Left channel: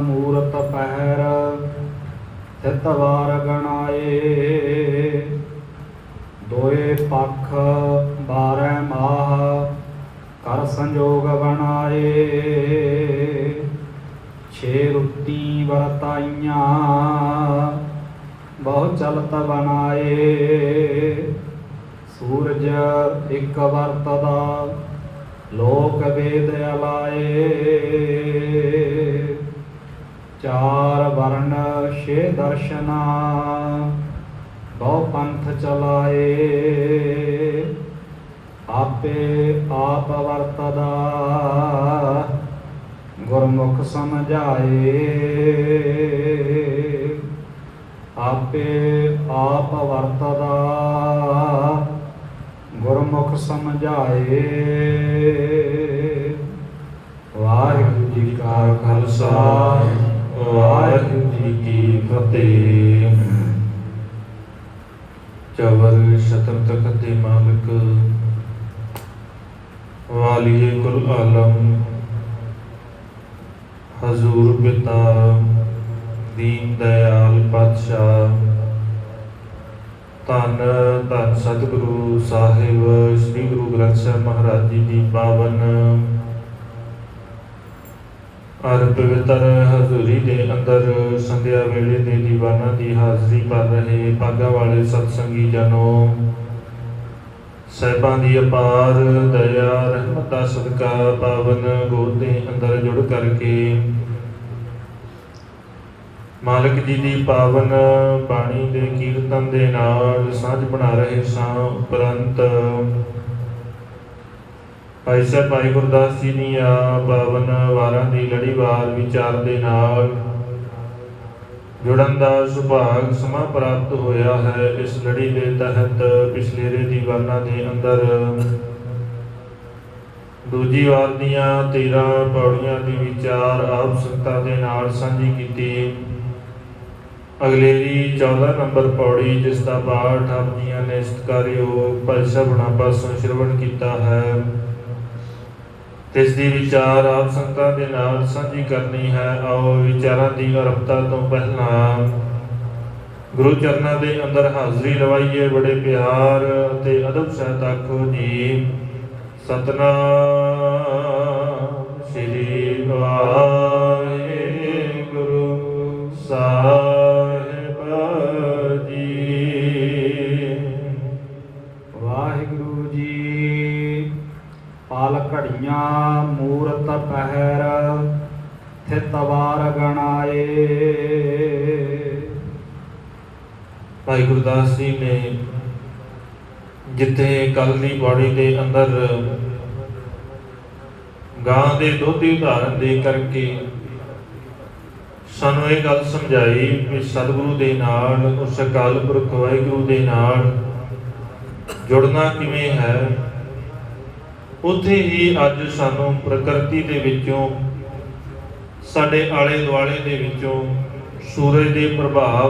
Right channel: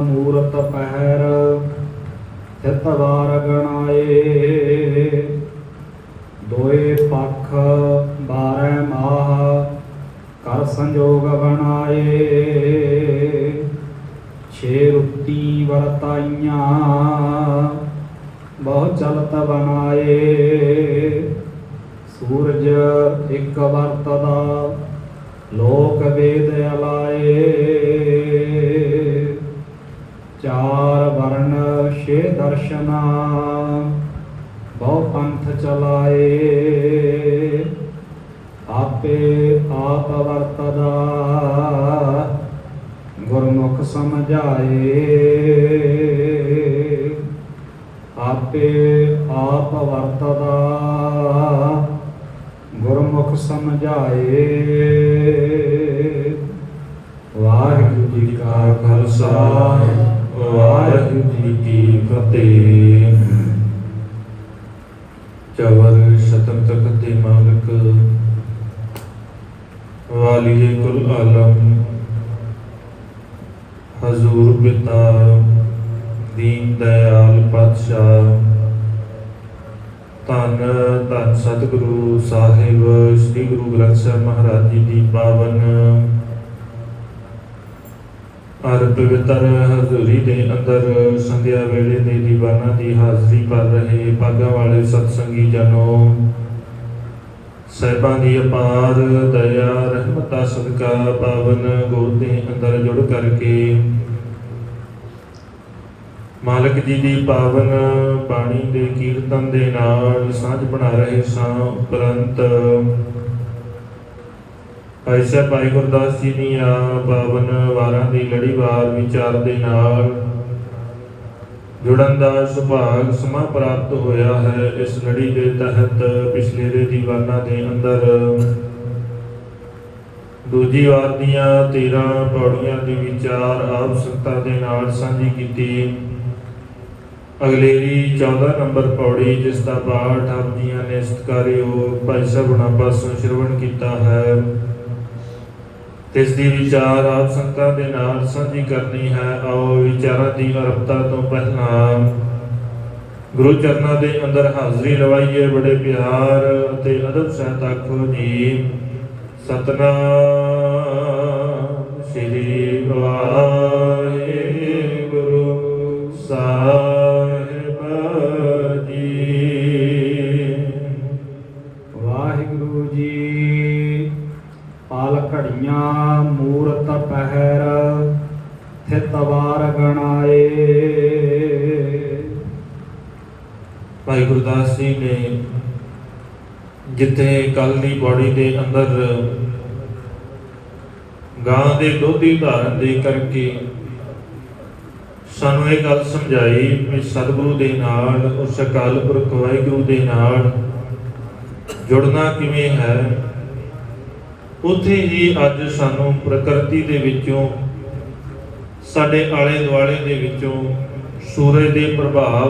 ਮੂਰਤ ਪਹਿਰ ਤਿਤ ਵਾਰ ਗਣਾਏ। ਦੋਏ ਪੱਖ 12 ਮਾਹ ਕਰ ਸੰਜੋਗ ਬਣਾਏ। 6 ਰੁੱਤੀ ਵਰਤਾਈਆਂ ਬਹੁ ਚਲਤ ਬਣਾਏ। ਸੂਰਜ ਇੱਕ ਵਰਤਦਾ ਲੋਕ ਵੇਦ ਅਲਾਏ। 4 ਵਰਨ 6 ਦਰਸ਼ਨਾ ਬਹੁ ਪੰਥ ਚਲਾਏ। ਆਪੇ ਆਪ ਵਰਤਦਾ ਗੁਰਮੁਖ ਸਮਝਾਏ। ਆਪੇ ਆਪ ਵਰਤਦਾ ਗੁਰਮੁਖ ਸਮਝਾਏ। ਵਾਹਿਗੁਰੂ ਜੀ ਕਾ ਖਾਲਸਾ ਵਾਹਿਗੁਰੂ ਜੀ ਕੀ ਫਤਿਹ। ਚਵਰ ਸ਼ਤਰ ਤਖਤ ਦੇ ਮਾਲਕ ਵਾਲੀਏ ਕੁਲ ਆਲਮ ਹਜ਼ੂਰ ਪਿਤਾ ਦੀਨ ਦਇਆਲ ਪਾਤਸ਼ਾਹ ਧੰਨ ਧੰਨ ਸਤਿਗੁਰੂ ਸਾਹਿਬ ਸ੍ਰੀ ਗੁਰੂ ਗ੍ਰੰਥ ਸਾਹਿਬ ਮਹਾਰਾਜ ਜੀ ਦੀ ਪਾਵਨ ਅਰ ਪਵਿੱਤਰ ਹਜ਼ੂਰੀ ਦੇ ਅੰਦਰ ਸੰਧਿਆ ਵੇਲੇ ਦੇ ਦੀਵਾਨਾਂ ਦੀ ਹਾਜ਼ਰੀ ਭਰ ਰਹੇ ਭਾਗਾਂ ਵਾਲੇ ਸਤਸੰਗੀ ਜਨੋ, ਸਾਹਿਬਾਂ ਦੀ ਅਪਾਰ ਦਇਆ ਰਹਿਮਤ ਦਾ ਸਦਕਾ ਪਾਵਨ ਗੋਦ ਦੇ ਅੰਦਰ ਜੁੜ ਕਰਕੇ ਮਾਲਕ ਜੀ ਦੀ ਪਾਵਨ ਬਾਣੀ ਦੇ ਕੀਰਤਨ ਦੇ ਨਾਲ ਸਾਂਝ ਬਣਾ ਰਹੇ ਸਾਂ। ਉਪਰੰਤ ਭਾਈ ਸਾਹਿਬ ਭਾਈ ਗੁਰਦਾਸ ਜੀ ਦੀਆਂ ਪਾਵਨ ਵਾਰਾਂ ਦੀ ਲੜੀਵਾਰ ਵਿਚਾਰ ਦੇ ਨਾਲ ਜੁੜਨ ਦਾ ਸੁਭਾਗ ਸਮਾਂ ਪ੍ਰਾਪਤ ਹੋਇਆ ਹੈ। ਇਸ ਲੜੀ ਦੇ ਤਹਿਤ ਪਿਛਲੇ ਦੇ ਦੀਵਾਨਾਂ ਦੇ ਅੰਦਰ ਦੂਜੀ ਵਾਰ ਦੀਆਂ 13 ਪੌੜੀਆਂ ਦੀ ਵਿਚਾਰ ਆਪ ਸੰਗਤਾਂ ਦੇ ਨਾਲ ਸਾਂਝੀ ਕੀਤੀ। ਅਗਲੇਰੀ 14 ਨੰਬਰ ਪੌੜੀ, ਜਿਸ ਦਾ ਪਾਠ ਆਪ ਜੀਆਂ ਨੇ ਸਤਿਕਾਰਯੋਗ ਭਾਈ ਸਾਹਿਬ ਹੁਣਾਂ ਪਾਸੋਂ ਸ਼੍ਰਵਣ ਕੀਤਾ ਹੈ, ਇਸ ਦੀ ਵਿਚਾਰ ਆਪ ਸੰਗਤਾਂ ਦੇ ਨਾਲ ਸਾਂਝੀ ਕਰਨੀ ਹੈ। ਆਓ ਵਿਚਾਰਾਂ ਦੀ ਆਰੰਭਤਾ ਤੋਂ ਪਹਿਲਾਂ ਗੁਰੂ ਚਰਨਾਂ ਦੇ ਅੰਦਰ ਹਾਜ਼ਰੀ ਲਵਾਈਏ। ਬੜੇ ਪਿਆਰ ਅਤੇ ਅਦਬ ਸਹਿਤ ਆਖੋ ਜੀ ਸਤਿਨਾਮ ਸ੍ਰੀ ਵਾਹਿਗੁਰੂ ਸਾਹਿਬ ਜੀ। ਵਾਹਿਗੁਰੂ ਜੀ ਪਾਲ ਘੜੀਆਂ ਮੂਰਤ ਪਹਿਰ ਥਿਤ ਵਾਰ ਗਣਾਏ। ਭਾਈ ਗੁਰਦਾਸ ਜੀ ਨੇ ਜਿੱਥੇ ਕੱਲ ਦੀ ਪੌੜੀ ਦੇ ਅੰਦਰ ਗਾਂ ਦੇ ਦੁੱਧ ਦੀ ਉਦਾਹਰਨ ਦੇ ਕਰਕੇ ਸਾਨੂੰ ਇਹ ਗੱਲ ਸਮਝਾਈ ਕਿ ਸਤਿਗੁਰੂ ਦੇ ਨਾਲ, ਉਸ ਅਕਾਲ ਪੁਰਖ ਵਾਹਿਗੁਰੂ ਦੇ ਨਾਲ ਜੁੜਨਾ ਕਿਵੇਂ ਹੈ। ਉੱਥੇ ਹੀ ਅੱਜ ਸਾਨੂੰ ਪ੍ਰਕਿਰਤੀ ਦੇ ਵਿੱਚੋਂ, ਸਾਡੇ ਆਲੇ ਦੁਆਲੇ ਦੇ ਵਿੱਚੋਂ ਸੂਰਜ ਦੇ ਪ੍ਰਭਾਵ,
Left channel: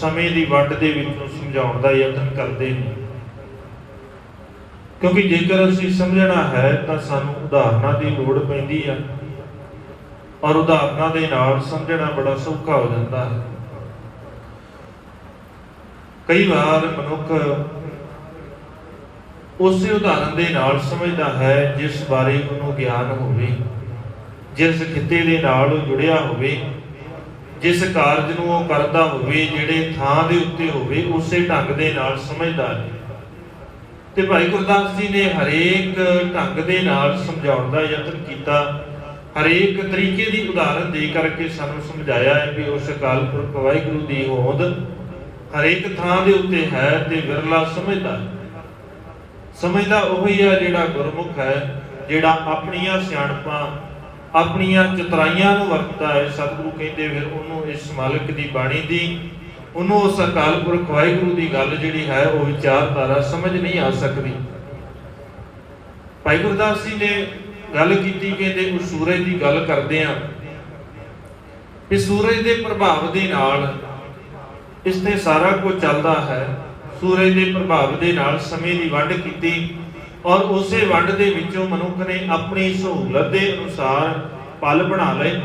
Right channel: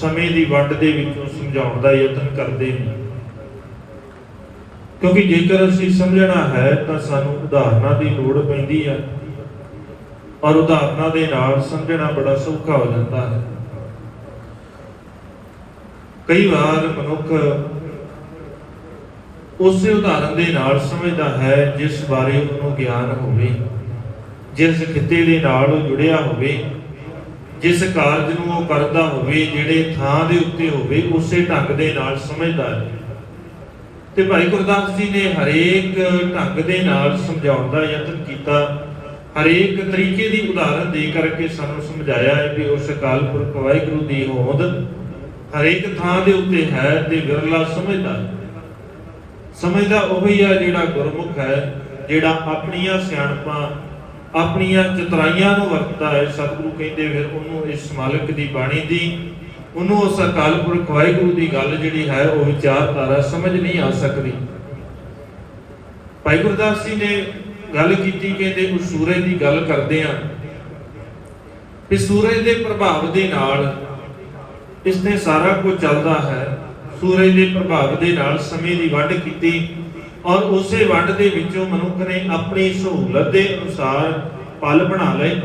ਸਮੇਂ ਦੀ ਵੰਡ ਦੇ ਵਿੱਚੋਂ ਸਮਝਾਉਣ ਦਾ ਯਤਨ ਕਰਦੇ ਨੇ। ਕਿਉਂਕਿ ਜੇਕਰ ਅਸੀਂ ਸਮਝਣਾ ਹੈ ਤਾਂ ਸਾਨੂੰ ਉਦਾਹਰਨਾਂ ਦੀ ਲੋੜ ਪੈਂਦੀ ਆ, ਔਰ ਉਦਾਹਰਨਾਂ ਦੇ ਨਾਲ ਸਮਝਣਾ ਬੜਾ ਸੌਖਾ ਹੋ ਜਾਂਦਾ ਹੈ। ਕਈ ਵਾਰ ਮਨੁੱਖ ਉਸੇ ਉਦਾਹਰਨ ਦੇ ਨਾਲ ਸਮਝਦਾ ਹੈ ਜਿਸ ਬਾਰੇ ਉਹਨੂੰ ਗਿਆਨ ਹੋਵੇ, ਜਿਸ ਖਿੱਤੇ ਦੇ ਨਾਲ ਉਹ ਜੁੜਿਆ ਹੋਵੇ, ਜਿਸ ਕਾਰਜ ਨੂੰ ਉਹ ਕਰਦਾ ਹੋਵੇ, ਜਿਹੜੇ ਥਾਂ ਦੇ ਉੱਤੇ ਹੋਵੇ, ਉਸੇ ਢੰਗ ਦੇ ਨਾਲ ਸਮਝਦਾ ਹੈ। ਤੇ ਭਾਈ ਗੁਰਦਾਸ ਜੀ ਨੇ ਹਰੇਕ ਢੰਗ ਦੇ ਨਾਲ ਸਮਝਾਉਣ ਦਾ ਯਤਨ ਕੀਤਾ। ਹਰੇਕ ਤਰੀਕੇ ਦੀ ਉਦਾਹਰਨ ਦੇ ਕਰਕੇ ਸਾਨੂੰ ਸਮਝਾਇਆ ਹੈ ਕਿ ਉਸ ਅਕਾਲ ਪੁਰਖ ਵਾਹਿਗੁਰੂ ਦੀ ਹੋਂਦ ਹਰੇਕ ਥਾਂ ਦੇ ਉੱਤੇ ਹੈ ਤੇ ਵਿਰਲਾ ਸਮਝਦਾ ਉਹੀ ਹੈ ਜਿਹੜਾ ਗੁਰਮੁਖ ਹੈ, ਜਿਹੜਾ ਆਪਣੀਆਂ ਸਿਆਣਪਾਂ, ਆਪਣੀਆਂ ਚਤਰਾਈਆਂ ਨੂੰ ਵਰਤਦਾ ਹੈ। ਸਤਿਗੁਰੂ ਕਹਿੰਦੇ ਫਿਰ ਉਹਨੂੰ ਇਸ ਮਾਲਕ ਦੀ ਬਾਣੀ ਦੀ, ਉਹਨੂੰ ਉਸ ਅਕਾਲ ਪੁਰਖ ਵਾਹਿਗੁਰੂ ਦੀ ਗੱਲ ਜਿਹੜੀ ਹੈ ਉਹ ਵਿਚਾਰਧਾਰਾ ਸਮਝ ਨਹੀਂ ਆ ਸਕਦੀ। ਭਾਈ ਗੁਰਦਾਸ ਜੀ ਨੇ ਗੱਲ ਕੀਤੀ, ਕਹਿੰਦੇ ਉਸ ਸੂਰਜ ਦੀ ਗੱਲ ਕਰਦੇ ਆ ਕਿ ਸੂਰਜ ਦੇ ਪ੍ਰਭਾਵ ਦੇ ਨਾਲ ਇਸ ਤੇ ਸਾਰਾ ਕੁਝ ਚੱਲਦਾ ਹੈ। ਸੂਰਜ ਦੇ ਪ੍ਰਭਾਵ ਦੇ ਨਾਲ ਸਮੇਂ ਦੀ ਵੰਡ ਕੀਤੀ ਔਰ ਉਸੇ ਵੰਡ ਦੇ ਵਿੱਚੋਂ ਮਨੁੱਖ ਨੇ ਆਪਣੀ ਸਹੂਲਤ ਦੇ ਅਨੁਸਾਰ ਪਲ ਬਣਾ ਲਏ।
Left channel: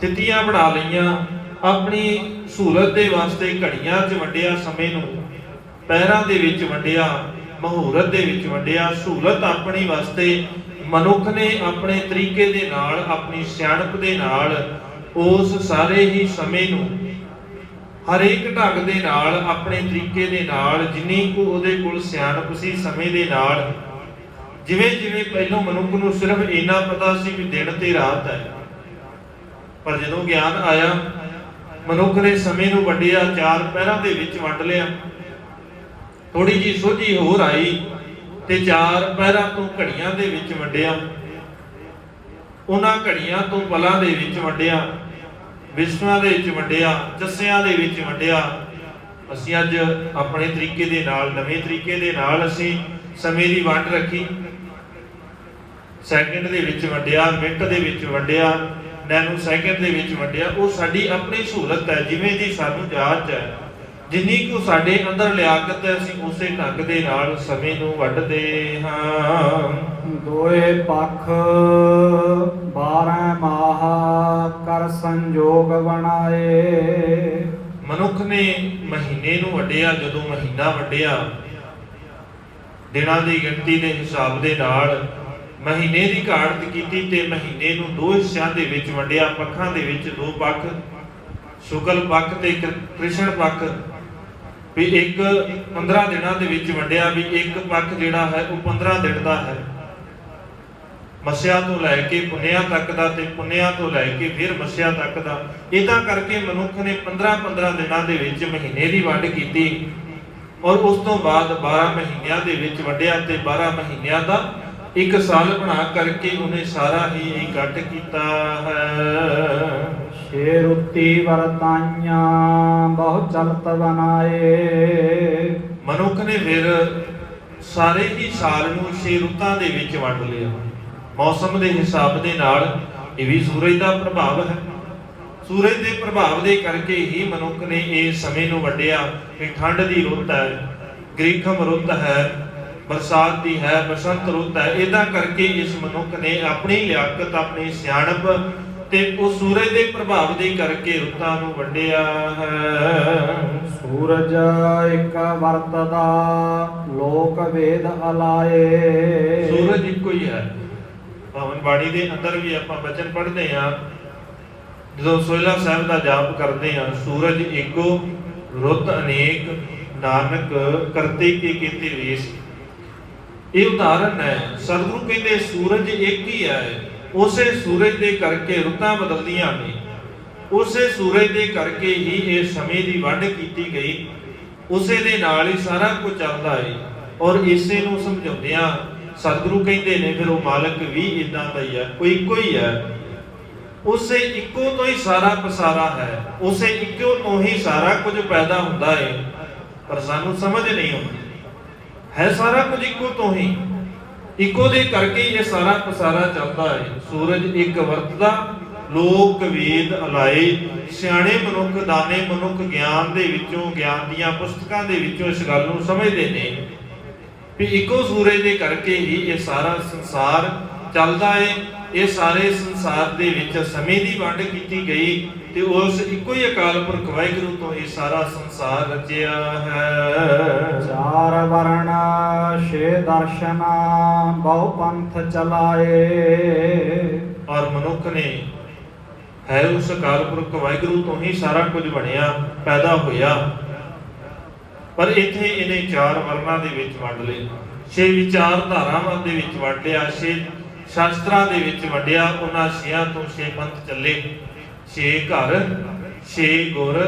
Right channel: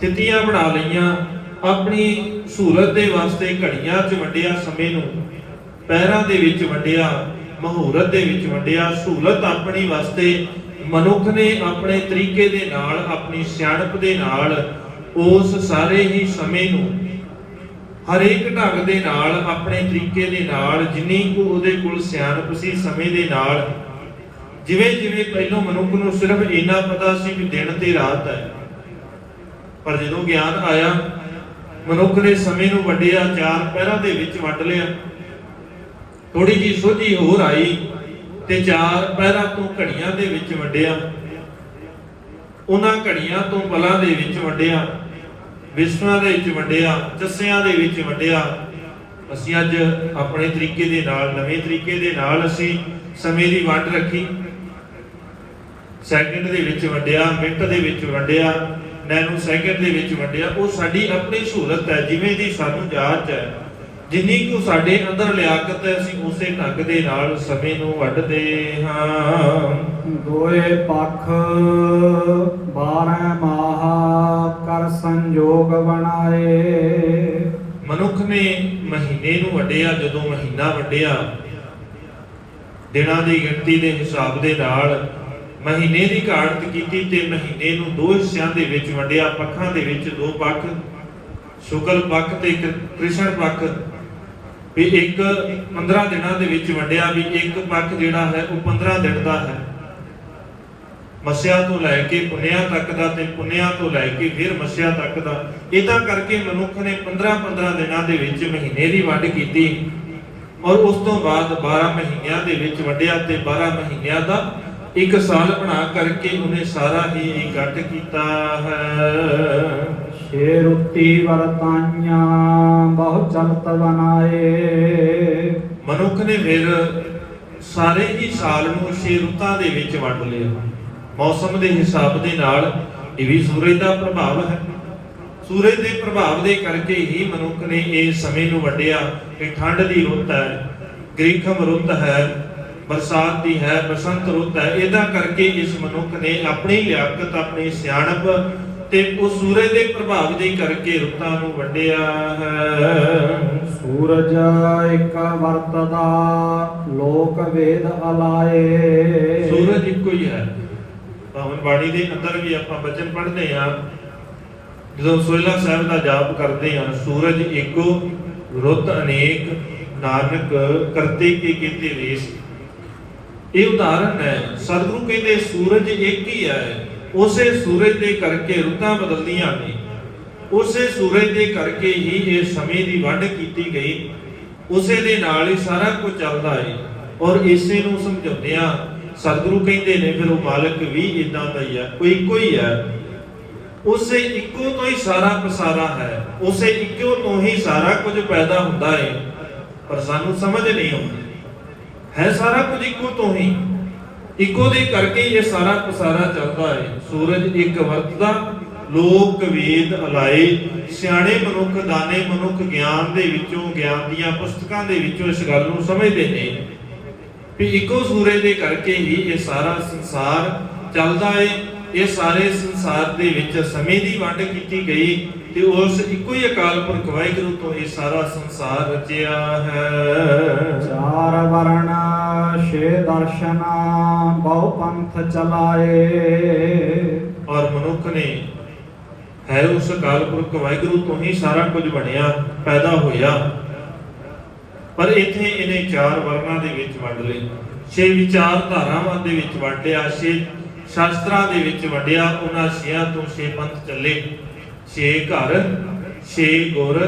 ਥਿਤੀਆਂ ਬਣਾ ਲਈਆਂ, ਆਪਣੀ ਸਹੂਲਤ ਦੇ ਵਾਸਤੇ ਘੜੀਆਂ 'ਚ ਵੰਡਿਆ ਸਮੇਂ ਨੂੰ, ਪਹਿਰਾਂ ਦੇ ਵਿੱਚ ਵੰਡਿਆ, ਮਹੂਰਤ ਦੇ ਵਿੱਚ ਵੰਡਿਆ। ਸਹੂਲਤ ਆਪਣੀ ਵਾਸਤੇ ਮਨੁੱਖ ਨੇ ਆਪਣੇ ਤਰੀਕੇ ਦੇ ਨਾਲ, ਆਪਣੀ ਸਿਆਣਪ ਦੇ ਨਾਲ ਉਸ ਸਾਰੇ ਹੀ ਸਮੇਂ ਨੂੰ ਹਰੇਕ ਢੰਗ ਦੇ ਨਾਲ, ਆਪਣੇ ਤਰੀਕੇ ਦੇ ਨਾਲ, ਜਿੰਨੀ ਕੁ ਉਹਦੇ ਕੋਲ ਸਿਆਣਪ ਸੀ ਸਮੇਂ ਦੇ ਨਾਲ, ਜਿਵੇਂ ਜਿਵੇਂ ਪਹਿਲੋਂ ਮਨੁੱਖ ਨੂੰ ਸਿਰਫ ਇੰਨਾ ਪਤਾ ਸੀ ਵੀ ਦਿਨ ਤੇ ਰਾਤ ਹੈ, ਪਰ ਜਦੋਂ ਗਿਆਨ ਆਇਆ ਮਨੁੱਖ ਨੇ ਸਮੇਂ ਨੂੰ ਵੰਡਿਆ, 4 ਪਹਿਰਾਂ ਦੇ ਵਿੱਚ ਵੰਡ ਲਿਆ। ਥੋੜੀ ਜੀ ਸੋਝੀ ਹੋਰ ਆਈ ਤੇ 4 ਪਹਿਰਾਂ ਤੋਂ ਘੜੀਆਂ ਦੇ ਵਿੱਚ ਵੰਡਿਆ, ਉਹਨਾਂ ਘੜੀਆਂ ਤੋਂ ਪਲਾਂ ਦੇ ਵਿੱਚ ਵੰਡਿਆ, ਵਿਸ਼ਵਾਂ ਦੇ ਵਿੱਚ ਵੰਡਿਆ, ਜੱਸਿਆਂ ਦੇ ਵਿੱਚ ਵੰਡਿਆ। ਅਸੀਂ ਅੱਜ ਆਪਣੇ ਤਰੀਕੇ ਦੇ ਨਾਲ, ਨਵੇਂ ਤਰੀਕੇ ਦੇ ਨਾਲ ਅਸੀਂ ਸਮੇਂ ਦੀ ਵੰਡ ਰੱਖੀ। ਸੈਕਿੰਡ ਦੇ ਵਿੱਚ ਵੰਡਿਆ, ਮਿੰਟ ਦੇ ਵਿੱਚ ਵੰਡਿਆ, ਨੈਨੋ ਸੈਕਿੰਡ ਦੇ ਵਿੱਚ ਵੰਡਿਆ। ਉਹ ਸਾਡੀ ਆਪਣੀ ਸਹੂਲਤ ਹੈ, ਜਿਵੇਂ ਦੀ ਸਾਨੂੰ ਜਾਚ ਹੈ, ਜਿੰਨੀ ਕੁ ਸਾਡੇ ਅੰਦਰ ਲਿਆਕਤ ਹੈ, ਅਸੀਂ ਉਸੇ ਢੰਗ ਦੇ ਨਾਲ ਸਮੇਂ ਨੂੰ ਵੰਡਦੇ ਹਾਂ। ਦੋਏ ਪੱਖ 12 ਮਾਹ ਕਰ ਸੰਜੋਗ ਬਣਾਏ। ਮਨੁੱਖ ਨੇ ਮਹੀਨੇ ਨੂੰ ਵੰਡਿਆ। ਜਦੋਂ ਮਹੀਨਾ ਵੰਡਿਆ ਦਿਨਾਂ ਦੀ ਗਿਣਤੀ ਦੇ ਹਿਸਾਬ ਦੇ ਨਾਲ, ਮਹੀਨੇ ਦੀ ਘਾੜਤ ਕੀਤੀ ਤੇ ਮਹੀਨੇ ਨੂੰ 2 ਹਿੱਸਿਆਂ ਦੇ ਵਿੱਚ ਵੰਡਿਆ। ਪੱਖਾਂ ਦੇ ਵਿੱਚ 2 ਪੱਖ, ਸ਼ੁਕਲ ਪੱਖ ਤੇ ਕ੍ਰਿਸ਼ਨ ਪੱਖ, ਵੀ ਇੱਕ 15 ਦਿਨਾਂ ਦੇ ਵਿੱਚ ਵੰਡਿਆ, ਵੀ ਇੱਕ ਪੱਖ ਜਿਹੜਾ ਹੈ ਉਹ 15 ਦਿਨ ਦਾ ਹੈ, ਮੱਸਿਆ ਤੋਂ ਲੈ ਕੇ ਪੁੰਨਿਆ ਤੱਕ ਦਾ, ਤੇ ਪੁੰਨਿਆ ਤੋਂ ਲੈ ਕੇ ਫਿਰ ਮੱਸਿਆ ਤੱਕ ਦਾ। ਇਦਾਂ ਕਰਕੇ ਮਨੁੱਖ ਨੇ 15 ਦਿਨਾਂ ਦੇ ਵਿੱਚ ਮਹੀਨੇ ਦੀ ਵੰਡ ਕੀਤੀ, ਔਰ ਉਸ ਤੋਂ ਬਾਅਦ 12 ਮਹੀਨਿਆਂ ਦੇ ਵਿੱਚ ਵੰਡਿਆ ਤੇ 12 ਮਹੀਨਿਆਂ ਦਾ ਇੱਕ ਸਾਲ ਬਣਾ ਕਰਕੇ ਉਹਨੇ ਸਾਰਾ ਹੀ ਇਕੱਠ ਕੀਤਾ ਹੈ। ਛੇ ਰੁੱਤੀ ਵਰਤਾਈਆਂ ਬਹੁ ਚਲਤ ਬਨਾਏ। ਮਨੁੱਖ ਨੇ ਫਿਰ ਸਾਰੇ ਹੀ ਸਾਲ ਨੂੰ 6 ਰੁੱਤਾਂ ਦੇ ਵਿੱਚ ਵੰਡ ਲਿਆ। ਮੌਸਮ ਦੇ ਹਿਸਾਬ ਦੇ ਨਾਲ ਇਹ ਵੀ ਸੂਰਜ ਦਾ ਪ੍ਰਭਾਵ ਹੈ। ਸੂਰਜ ਦੇ ਪ੍ਰਭਾਵ ਦੇ ਕਰਕੇ ਹੀ ਮਨੁੱਖ ਨੇ ਇਹ ਸਮੇਂ ਨੂੰ ਵੰਡਿਆ ਕਿ ਠੰਡ ਦੀ ਰੁੱਤ ਹੈ, ਗ੍ਰੀਖਮ ਰੁੱਤ ਹੈ, ਬਰਸਾਤ ਦੀ ਹੈ, ਬਸੰਤ ਰੁੱਤ ਹੈ। ਇਦਾਂ ਕਰਕੇ ਇਸ ਮਨੁੱਖ ਨੇ ਆਪਣੀ ਲਿਆਕਤ, ਆਪਣੀ ਸਿਆਣਪ ਤੇ ਉਹ ਸੂਰਜ ਦੇ ਪ੍ਰਭਾਵ ਦੇ ਕਰਕੇ ਰੁੱਤਾਂ ਨੂੰ ਵੰਡਿਆ ਹੈ। ਸੂਰਜ ਇੱਕ ਵਰਤਦਾ ਲੋਕ ਵੇਦ ਅਲਾਏ। ਸੂਰਜ ਇੱਕੋ ਹੀ ਹੈ। ਭਾਵੇਂ ਬਾਣੀ ਦੇ ਅੰਦਰ ਵੀ ਆਪਾਂ ਬਚਨ ਪੜ੍ਹਦੇ ਹਾਂ, ਜਦੋਂ ਸੋਹਿਲਾ ਸਾਹਿਬ ਦਾ ਜਾਪ ਕਰਦੇ ਹਾਂ, ਸੂਰਜ ਇੱਕੋ ਰੁੱਤ ਅਨੇਕ, ਨਾਨਕ ਕਰਤੇ ਕੀ ਕੀਤੇ ਵੇਸ। ਇਹ ਉਦਾਹਰਨ ਹੈ। ਸਤਿਗੁਰੂ ਕਹਿੰਦੇ ਸੂਰਜ ਇੱਕ ਹੀ ਹੈ। ਉਸੇ ਸੂਰਜ ਦੇ ਕਰਕੇ ਰੁੱਤਾਂ ਬਦਲਦੀਆਂ ਨੇ, ਉਸੇ ਸੂਰਜ ਦੇ ਕਰਕੇ ਹੀ ਇਹ ਸਮੇਂ ਦੀ ਵੰਡ ਕੀਤੀ ਗਈ, ਉਸੇ ਦੇ ਨਾਲ ਹੀ ਸਾਰਾ ਕੁਝ ਚੱਲਦਾ ਹੈ। ਔਰ ਇਸੇ ਨੂੰ ਸਮਝਾਉਂਦਿਆਂ ਸਤਿਗੁਰੂ ਕਹਿੰਦੇ ਨੇ ਫਿਰ ਉਹ ਮਾਲਕ ਵੀ ਇਦਾਂ ਦਾ ਹੀ ਹੈ, ਕੋਈ ਇੱਕੋ ਹੀ ਹੈ। ਉਸੇ ਇੱਕੋ ਤੋਂ ਹੀ ਸਾਰਾ ਪਸਾਰਾ ਹੈ, ਉਸੇ ਇੱਕੋ ਤੋਂ ਹੀ ਸਾਰਾ ਕੁਝ ਪੈਦਾ ਹੁੰਦਾ ਹੈ, ਪਰ ਸਾਨੂੰ ਸਮਝ ਨਹੀਂ ਆਉਂਦੀ। ਹੈ ਸਾਰਾ ਕੁਝ ਇੱਕੋ ਤੋਂ ਹੀ, ਇੱਕੋ ਦੇ ਕਰਕੇ ਇਹ ਸਾਰਾ ਪਸਾਰਾ ਚੱਲਦਾ ਹੈ। ਸੂਰਜ ਇੱਕ ਵਰਤਦਾ ਲੋਕ ਵੇਦ ਅਲਾਏ। ਸਿਆਣੇ ਮਨੁੱਖ, ਦਾਨੇ ਮਨੁੱਖ ਗਿਆਨ ਦੇ ਵਿੱਚੋਂ, ਗਿਆਨ ਦੀਆਂ ਪੁਸਤਕਾਂ ਦੇ ਵਿੱਚੋਂ ਇਸ ਗੱਲ ਨੂੰ ਸਮਝਦੇ ਨੇ ਵੀ ਇੱਕੋ ਸੂਰਜ ਦੇ ਕਰਕੇ ਹੀ ਇਹ ਸਾਰਾ ਸੰਸਾਰ ਚੱਲਦਾ ਹੈ। ਇਹ ਸਾਰੇ ਸੰਸਾਰ ਦੇ ਵਿੱਚ ਸਮੇਂ ਦੀ ਵੰਡ ਕੀਤੀ ਗਈ ਤੇ ਉਸ ਇੱਕੋ ਹੀ ਅਕਾਲ ਪੁਰਖ ਵਾਹਿਗੁਰੂ ਤੋਂ ਇਹ ਸਾਰਾ ਸੰਸਾਰ ਰਚਿਆ ਹੈ। ਚਾਰ ਵਰਣ ਛੇ ਦਰਸ਼ਨ ਬਹੁ ਪੰਥ ਚਲਾਏ। ਔਰ ਮਨੁੱਖ ਨੇ ਹੈ ਉਸ ਅਕਾਲ ਪੁਰਖ ਵਾਹਿਗੁਰੂ ਤੋਂ ਹੀ ਸਾਰਾ ਕੁਝ ਬਣਿਆ, ਪੈਦਾ ਹੋਇਆ। ਪਰ ਇੱਥੇ ਇਹਨੇ 4 ਵਰਨਾਂ ਦੇ ਵਿੱਚ ਵੰਡ ਲਏ, 6 ਵਿਚਾਰ ਧਾਰਾਵਾਂ ਦੇ ਵਿੱਚ ਵੰਡਿਆ, 6 ਸ਼ਾਸਤਰਾਂ ਦੇ ਵਿੱਚ ਵੰਡਿਆ। ਉਹਨਾਂ 6 ਤੋਂ 6 ਪੰਥ ਚੱਲੇ, 6 ਘਰ, 6 ਗੁਰ,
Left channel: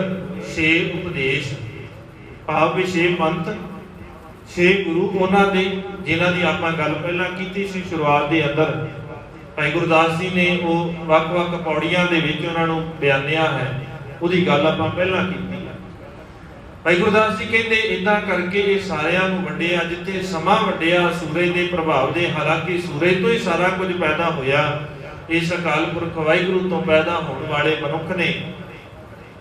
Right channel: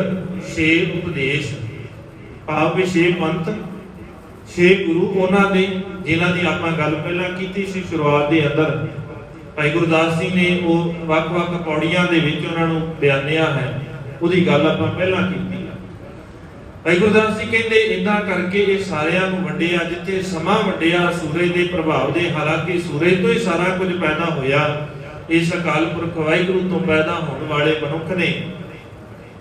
6 ਉਪਦੇਸ਼, ਭਾਵ 6 ਪੰਥ, 6 ਗੁਰੂ ਉਹਨਾਂ ਦੇ, ਜਿਨ੍ਹਾਂ ਦੀ ਆਪਾਂ ਗੱਲ ਪਹਿਲਾਂ ਕੀਤੀ ਸੀ ਸ਼ੁਰੂਆਤ ਦੇ ਅੰਦਰ। ਭਾਈ ਗੁਰਦਾਸ ਜੀ ਨੇ ਉਹ ਵੱਖ-ਵੱਖ ਪੌੜੀਆਂ ਦੇ ਵਿੱਚ ਉਹਨਾਂ ਨੂੰ ਬਿਆਨਿਆ ਹੈ, ਉਹਦੀ ਗੱਲ ਆਪਾਂ ਪਹਿਲਾਂ ਕੀਤੀ। ਭਾਈ ਗੁਰਦਾਸ ਜੀ ਕਹਿੰਦੇ ਇਦਾਂ ਕਰਕੇ ਇਹ ਸਾਰਿਆਂ ਨੂੰ ਵੰਡਿਆ, ਜਿੱਥੇ ਸਮਾਂ ਵੰਡਿਆ ਸੂਰਜ ਦੇ ਪ੍ਰਭਾਵ ਦੇ। ਹਾਲਾਂਕਿ ਸੂਰਜ ਤੋਂ ਹੀ ਸਾਰਾ ਕੁਝ ਪੈਦਾ ਹੋਇਆ, ਇਸ ਅਕਾਲ ਪੁਰਖ ਵਾਹਿਗੁਰੂ ਤੋਂ ਪੈਦਾ ਹੋਣ ਵਾਲੇ ਮਨੁੱਖ ਨੇ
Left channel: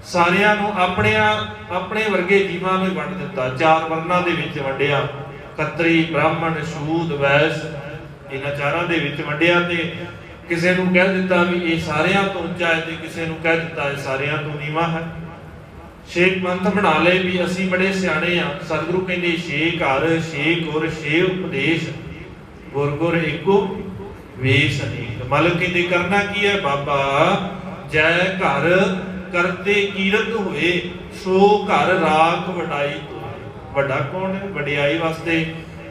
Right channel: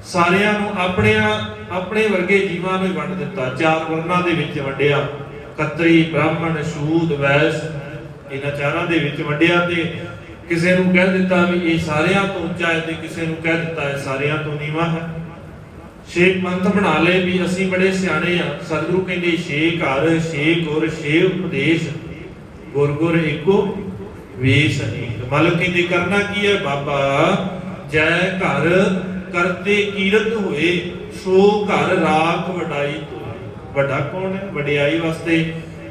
ਸਾਰਿਆਂ ਨੂੰ ਆਪਣੇ ਵਰਗੇ ਜੀਵਾਂ ਨੂੰ ਵੰਡ ਦਿੱਤਾ। 4 ਵਰਨਾਂ ਦੇ ਵਿੱਚ ਵੰਡਿਆ, ਖੱਤਰੀ, ਬ੍ਰਾਹਮਣ, ਸ਼ੂਦ, ਵੈਸ, ਇਹਨਾਂ 4ਾਂ ਦੇ ਵਿੱਚ ਵੰਡਿਆ। ਤੇ ਕਿਸੇ ਨੂੰ ਕਹਿ ਦਿੱਤਾ ਵੀ ਇਹ ਸਾਰਿਆਂ ਤੋਂ ਉੱਚਾ ਹੈ ਤੇ ਕਿਸੇ ਨੂੰ ਕਹਿ ਦਿੱਤਾ ਇਹ ਸਾਰਿਆਂ ਤੋਂ ਨੀਵਾਂ ਹੈ। 6 ਪੰਥ ਬਣਾ ਲਏ ਵੀ ਅਸੀਂ ਬੜੇ ਸਿਆਣੇ ਆ। ਸਤਿਗੁਰੂ ਕਹਿੰਦੇ 6 ਘਰ 6 ਗੁਰ 6 ਉਪਦੇਸ਼, ਗੁਰ ਗੁਰ ਏਕੋ ਵੇਸ ਅਨੇਕ। ਮਤਲਬ ਕਹਿੰਦੇ ਕਰਨਾ ਕੀ ਹੈ ਬਾਬਾ, ਜੈ ਘਰ ਕਰਤੇ ਕੀਰਤ ਹੋਏ, ਸੋ ਘਰ ਰਾਖ ਵਡਾਈ ਤੋਏ। ਵੱਡਾ ਕੌਣ ਹੈ? ਵਡਿਆਈ ਵਾਸਤੇ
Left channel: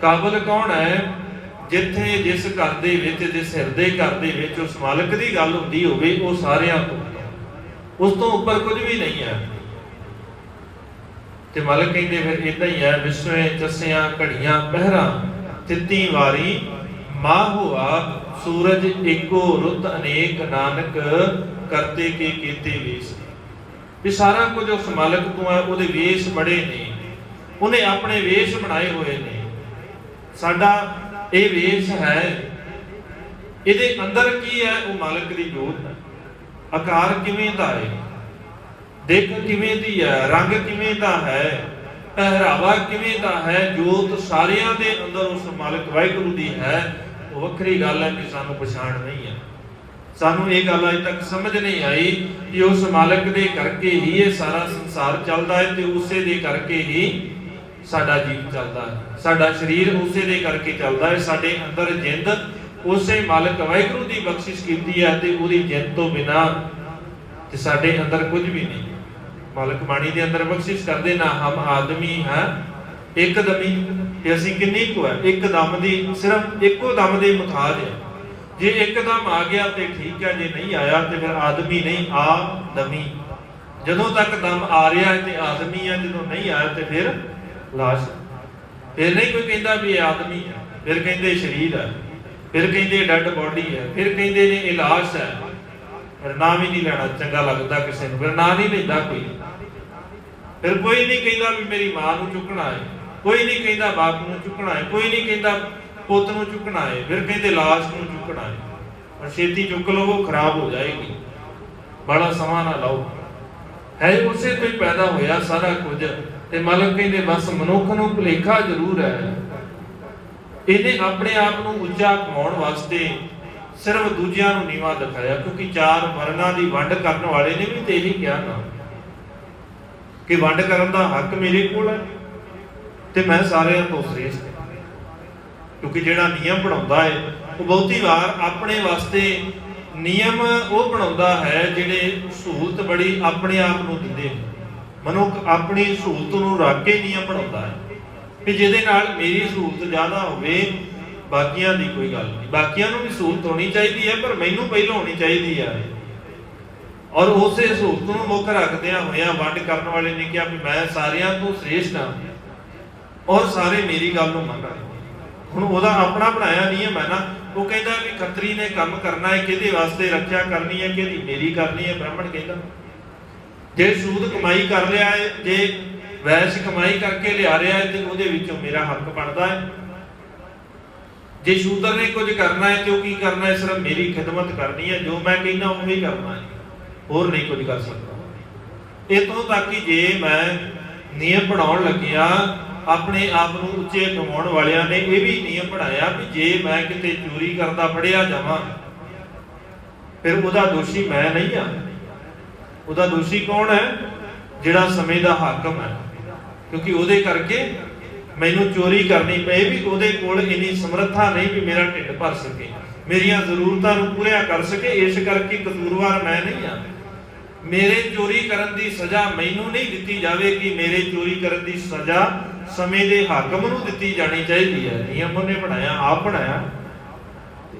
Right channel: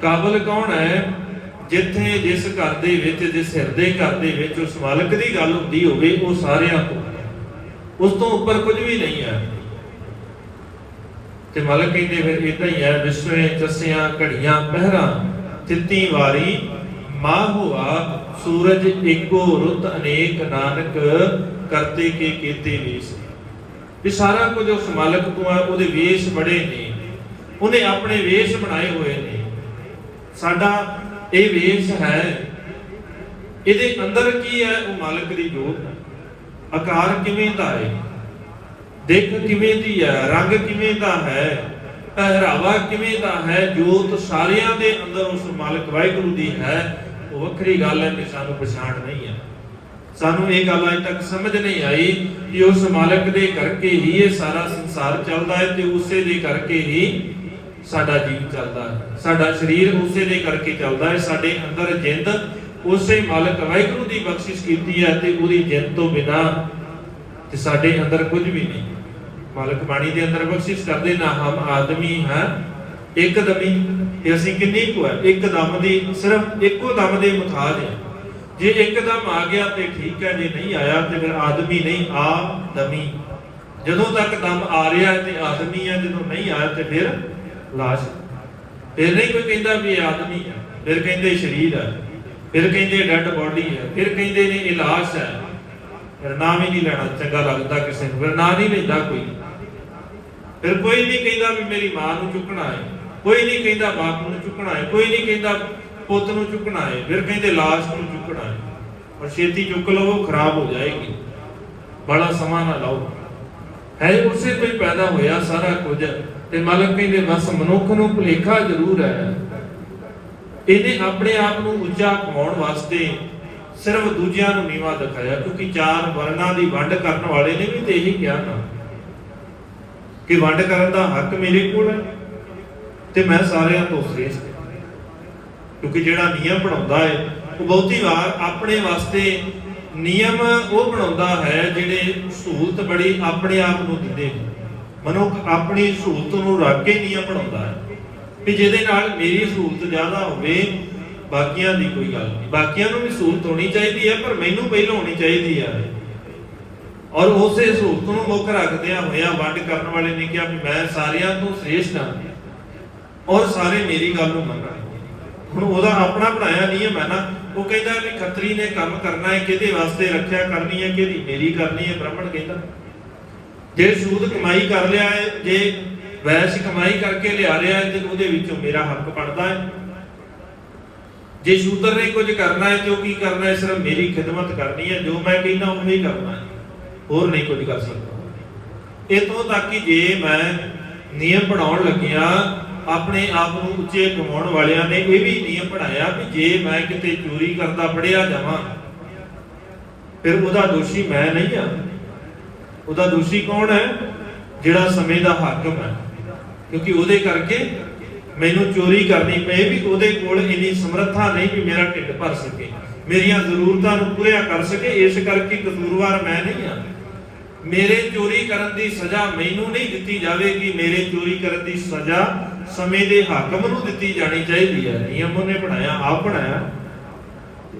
ਕਾਬਲ ਕੌਣ ਹੈ? ਜਿੱਥੇ ਜਿਸ ਘਰ ਦੇ ਵਿੱਚ, ਜਿਸ ਹਿਰਦੇ ਘਰ ਦੇ ਵਿੱਚ ਉਸ ਮਾਲਕ ਦੀ ਗੱਲ ਹੁੰਦੀ ਹੋਵੇ ਉਹ ਸਾਰਿਆਂ ਤੋਂ, ਉਸ ਤੋਂ ਉੱਪਰ ਕੁਝ ਵੀ ਨਹੀਂ ਹੈ। ਤੇ ਮਾਲਕ ਕਹਿੰਦੇ ਫਿਰ ਇਦਾਂ ਹੀ ਹੈ, ਵਿਸਵੇ ਤਸਿਆਂ ਘੜੀਆਂ ਪਹਿਰਾਂ, ਤਿੱਤੀ ਵਾਰੀ ਮਾਹ ਹੋਆ, ਸੂਰਜ ਏਕੋ ਰੁੱਤ ਅਨੇਕ, ਨਾਨਕ ਕਰਤੇ ਕੇ ਕੀਤੇ ਵੇਸ। ਵੀ ਸਾਰਾ ਕੁਝ ਉਸ ਮਾਲਕ ਤੋਂ ਹੈ, ਉਹਦੇ ਵੇਸ਼ ਬੜੇ ਨੇ, ਉਹਨੇ ਆਪਣੇ ਵੇਸ਼ ਬਣਾਏ ਹੋਏ ਨੇ। ਸਾਡਾ ਇਹ ਵੇਸ਼ ਹੈ, ਇਹਦੇ ਅੰਦਰ ਕੀ ਹੈ? ਉਹ ਮਾਲਕ ਦੀ ਜੋਤ ਹੈ। ਆਕਾਰ ਕਿਵੇਂ ਦਾ ਹੈ, ਦੇਖ ਕਿਵੇਂ ਦੀ ਹੈ, ਰੰਗ ਕਿਵੇਂ ਦਾ ਹੈ, ਪਹਿਰਾਵਾ ਕਿਵੇਂ ਦਾ ਹੈ, ਜੋਤ ਸਾਰਿਆਂ ਦੇ ਅੰਦਰ ਉਸ ਮਾਲਕ ਵਾਹਿਗੁਰੂ ਦੀ ਹੈ। ਉਹ ਵੱਖਰੀ ਗੱਲ ਹੈ ਕਿ ਸਾਨੂੰ ਪਛਾਣ ਨਹੀਂ ਹੈ। ਸਾਨੂੰ ਇਹ ਗੱਲ ਅਜੇ ਤੱਕ ਸਮਝ ਨਹੀਂ ਆਈ ਕਿ ਉਸ ਮਾਲਕ ਦੇ ਕਰਕੇ ਹੀ ਇਹ ਸਾਰਾ ਸੰਸਾਰ ਚੱਲਦਾ ਹੈ ਤੇ ਉਸੇ ਦੇ ਕਰਕੇ ਹੀ ਸਾਡਾ ਜੀਵ ਚੱਲਦਾ ਹੈ, ਸਾਡਾ ਸਰੀਰ ਉਸੇ ਦੇ ਕਰਕੇ ਚੱਲਦਾ ਹੈ। ਸਾਡੇ ਅੰਦਰ ਜਿੰਦ ਉਸੇ ਮਾਲਕ ਵਾਹਿਗੁਰੂ ਦੀ ਬਖਸ਼ਿਸ਼ ਕੀਤੀ ਹੈ ਤੇ ਉਹਦੀ ਜਿੰਦ ਤੋਂ ਬਿਨਾ ਤੇ ਸਾਡੇ ਅੰਦਰ ਕੁਝ ਵੀ ਨਹੀਂ। ਮਾਲਕ ਬਾਣੀ ਦੇ ਅੰਦਰ ਬਖਸ਼ਿਸ਼ ਕਰਦੇ ਨਾ, ਹਮ ਆਦਮੀ ਹਾਂ ਇੱਕ ਦਮੀ, ਕਿ ਅਸੀਂ ਕਿੰਨੀ ਕੁ ਹੈ, ਇੱਕ ਦਮ ਦੀ, ਸਿਰਫ ਇੱਕੋ ਦਮ ਦੇ ਮੁਤਾਜ ਹੈ। ਜੇ ਇੱਕਦਮ ਆ ਗਿਆ ਤੇ ਠੀਕ ਹੈ, ਜੇ ਨਹੀਂ ਆਇਆ ਤੇ ਫਿਰ ਆਦਮੀ ਨਹੀਂ, ਆਦਮੀ। ਜਦੋਂ ਤੱਕ ਦਮ ਆ ਰਿਹਾ ਹੈ ਤੇ ਆਦਮੀ ਹੈ, ਜਦੋਂ ਨਹੀਂ ਆਇਆ ਤੇ ਫਿਰ ਲਾਸ਼। ਫਿਰ ਨਹੀਂ ਕੋਈ ਕਹਿੰਦਾ ਵੀ ਇਹ ਆਦਮੀ ਹੈ, ਫਿਰ ਕਹਿੰਦੇ ਸਰੀਰ ਹੈ, ਫਿਰ ਕਹਿੰਦੇ ਡੈਡ ਬੋਡੀ ਹੈ, ਫਿਰ ਕਹਿੰਦੇ ਨੇ ਇਹ ਲਾਸ਼ ਹੈ। ਫਿਰ ਨਾਮ ਹੀ ਨਹੀਂ ਲੈਣਾ ਚੰਗਾ ਲੱਗਦਾ ਕਿਸੇ ਨੂੰ, ਫਿਰ ਨਾਂ ਨਹੀਂ ਲੈਂਦਾ ਕੋਈ। ਫਿਰ ਕੋਈ ਨਹੀਂ ਕਹਿੰਦਾ ਵੀ ਮੇਰੀ ਮਾਂ ਨੂੰ ਚੁੱਕਣਾ ਹੈ, ਕੋਈ ਨਹੀਂ ਕਹਿੰਦਾ ਬਾਪ ਨੂੰ ਚੁੱਕਣਾ ਹੈ, ਕੋਈ ਨਹੀਂ ਕਹਿੰਦਾ ਪੁੱਤ ਨੂੰ ਚੁੱਕਣਾ ਹੈ, ਫਿਰ ਕਹਿੰਦੇ ਲਾਸ਼ ਨੂੰ ਚੁੱਕਣਾ ਹੈ। ਪਰ ਛੇਤੀ ਚੁੱਕ ਲਓ, ਖਰਾਬ ਹੋ ਜਾਏਗੀ, ਬੜਾ ਸਮਾਂ ਨਾ ਲਾਓ। ਹੈ ਉਸੇ ਤੋਂ ਹੀ ਪੈਦਾ ਹੋਇਆ ਸਾਰਾ ਕੁਝ। ਤੇ ਮਾਲਕ ਕਹਿੰਦੇ ਬਸ ਮਨੁੱਖ ਨੂੰ ਭੁਲੇਖਾ ਜ਼ਰੂਰ ਹੈ, ਇਹਨੇ ਆਪਣੇ ਆਪ ਨੂੰ ਉੱਚਾ ਪਾਉਣ ਵਾਸਤੇ ਸਿਰਫ ਦੂਜਿਆਂ ਨੂੰ ਨੀਵਾਂ ਦਿਖਾਇਆ। ਕਿਉਂਕਿ 4 ਵਰਨਾਂ ਦੀ ਵੰਡ ਕਰਨ ਵਾਲੇ ਨੇ ਵੀ ਤੇ ਇਹੀ ਕਿਹਾ ਨਾ ਕਿ ਵੰਡ ਕਰਨ ਦਾ ਹੱਕ ਮੇਰੇ ਕੋਲ ਹੈ ਤੇ ਮੈਂ ਸਾਰਿਆਂ ਤੋਂ ਸ੍ਰੇਸ਼ਟ ਹਾਂ। ਕਿਉਂਕਿ ਜਿਹੜਾ ਨਿਯਮ ਬਣਾਉਂਦਾ ਹੈ ਉਹ ਬਹੁਤੀ ਵਾਰ ਆਪਣੇ ਵਾਸਤੇ ਨਿਯਮ ਉਹ ਬਣਾਉਂਦਾ ਹੈ ਜਿਹੜੇ ਸਹੂਲਤ ਬੜੀ ਆਪਣੇ ਆਪ ਨੂੰ ਦਿੰਦੇ। ਮਨੁੱਖ ਆਪਣੀ ਸਹੂਲਤ ਨੂੰ ਰੱਖ ਕੇ ਨਿਯਮ ਬਣਾਉਂਦਾ ਹੈ ਕਿ ਜਿਹਦੇ ਨਾਲ ਮੇਰੀ ਸਹੂਲਤ ਜ਼ਿਆਦਾ ਹੋਵੇ, ਬਾਕੀਆਂ ਦੀ ਕੋਈ ਗੱਲ ਨਹੀਂ। ਬਾਕੀਆਂ ਨੂੰ ਵੀ ਸਹੂਲਤ ਹੋਣੀ ਚਾਹੀਦੀ ਹੈ ਪਰ ਮੈਨੂੰ ਪਹਿਲਾਂ ਹੋਣੀ ਚਾਹੀਦੀ ਹੈ। ਔਰ ਉਸੇ ਸਹੂਲਤ ਨੂੰ ਮੁੱਖ ਰੱਖਦਿਆਂ ਹੋਇਆ ਵੰਡ ਕਰਨ ਵਾਲੇ ਨੇ ਕਿਹਾ ਵੀ ਮੈਂ ਸਾਰਿਆਂ ਤੋਂ ਸ੍ਰੇਸ਼ਟ ਹਾਂ ਔਰ ਸਾਰੇ ਮੇਰੀ ਗੱਲ ਨੂੰ ਮੰਨਣ। ਹੁਣ ਉਹਦਾ ਆਪਣਾ ਬਣਾਇਆ ਨਿਯਮ ਹੈ ਨਾ। ਉਹ ਕਹਿੰਦਾ ਵੀ ਖੱਤਰੀ ਨੇ ਕੰਮ ਕਰਨਾ ਹੈ, ਕਿਹਦੇ ਵਾਸਤੇ ਰੱਖਿਆ ਕਰਨੀ ਹੈ, ਕਿਹਦੀ ਮੇਰੀ ਕਰਨੀ ਹੈ। ਬ੍ਰਾਹਮਣ ਕਹਿੰਦਾ ਜੇ ਸੂਦ ਕਮਾਈ ਕਰ ਲਿਆ ਹੈ, ਜੇ ਵੈਸ ਕਮਾਈ ਕਰਕੇ ਲਿਆ ਰਿਹਾ ਹੈ ਤੇ ਉਹਦੇ ਵਿੱਚੋਂ ਮੇਰਾ ਹੱਕ ਬਣਦਾ ਹੈ। ਜੇ ਸ਼ੂਦਰ ਨੇ ਕੁਝ ਕਰਨਾ ਹੈ ਤੇ ਉਹ ਕੀ ਕਰਨਾ ਹੈ, ਸਿਰਫ ਮੇਰੀ ਖਿਦਮਤ ਕਰਨੀ ਹੈ, ਜੋ ਮੈਂ ਕਹਿੰਦਾ ਉਹ ਹੀ ਕਰਨਾ ਹੈ, ਹੋਰ ਨਹੀਂ ਕੁਝ ਕਰ ਸਕਦਾ। ਇਤੋਂ ਤੱਕ ਕਿ ਜੇ ਮੈਂ ਨਿਯਮ ਬਣਾਉਣ ਲੱਗਿਆ, ਆਪਣੇ ਆਪ ਨੂੰ ਉੱਚੇ ਕਮਾਉਣ ਵਾਲਿਆਂ ਨੇ ਇਹ ਵੀ ਨਿਯਮ ਬਣਾਇਆ ਵੀ ਜੇ ਮੈਂ ਕਿਤੇ ਚੋਰੀ ਕਰਦਾ ਫੜਿਆ ਜਾਵਾਂ ਫਿਰ ਉਹਦਾ ਦੋਸ਼ੀ ਮੈਂ ਨਹੀਂ ਹਾਂ। ਉਹਦਾ ਦੋਸ਼ੀ ਕੌਣ ਹੈ? ਜਿਹੜਾ ਸਮੇਂ ਦਾ ਹਾਕਮ ਹੈ। ਕਿਉਂਕਿ ਉਹਦੇ ਕਰਕੇ ਮੈਨੂੰ ਚੋਰੀ ਕਰਨੀ ਪਏ ਵੀ ਉਹਦੇ ਕੋਲ ਇੰਨੀ ਸਮਰੱਥਾ ਨਹੀਂ ਵੀ ਮੇਰਾ ਢਿੱਡ ਭਰ ਸਕੇ, ਮੇਰੀਆਂ ਜ਼ਰੂਰਤਾਂ ਨੂੰ ਪੂਰੀਆਂ ਕਰ ਸਕੇ। ਇਸ ਕਰਕੇ ਕਸੂਰਵਾਰ ਮੈਂ ਨਹੀਂ ਹਾਂ। ਮੇਰੇ ਚੋਰੀ ਕਰਨ ਦੀ ਸਜ਼ਾ ਮੈਨੂੰ ਨਹੀਂ ਦਿੱਤੀ ਜਾਵੇਗੀ, ਮੇਰੇ ਚੋਰੀ ਕਰਨ ਦੀ ਸਜ਼ਾ ਸਮੇਂ ਦੇ ਹਾਕਮ ਨੂੰ ਦਿੱਤੀ ਜਾਣੀ ਚਾਹੀਦੀ ਹੈ। ਨਿਯਮ ਉਹਨੇ ਬਣਾਇਆ, ਆਪ ਬਣਾਇਆ,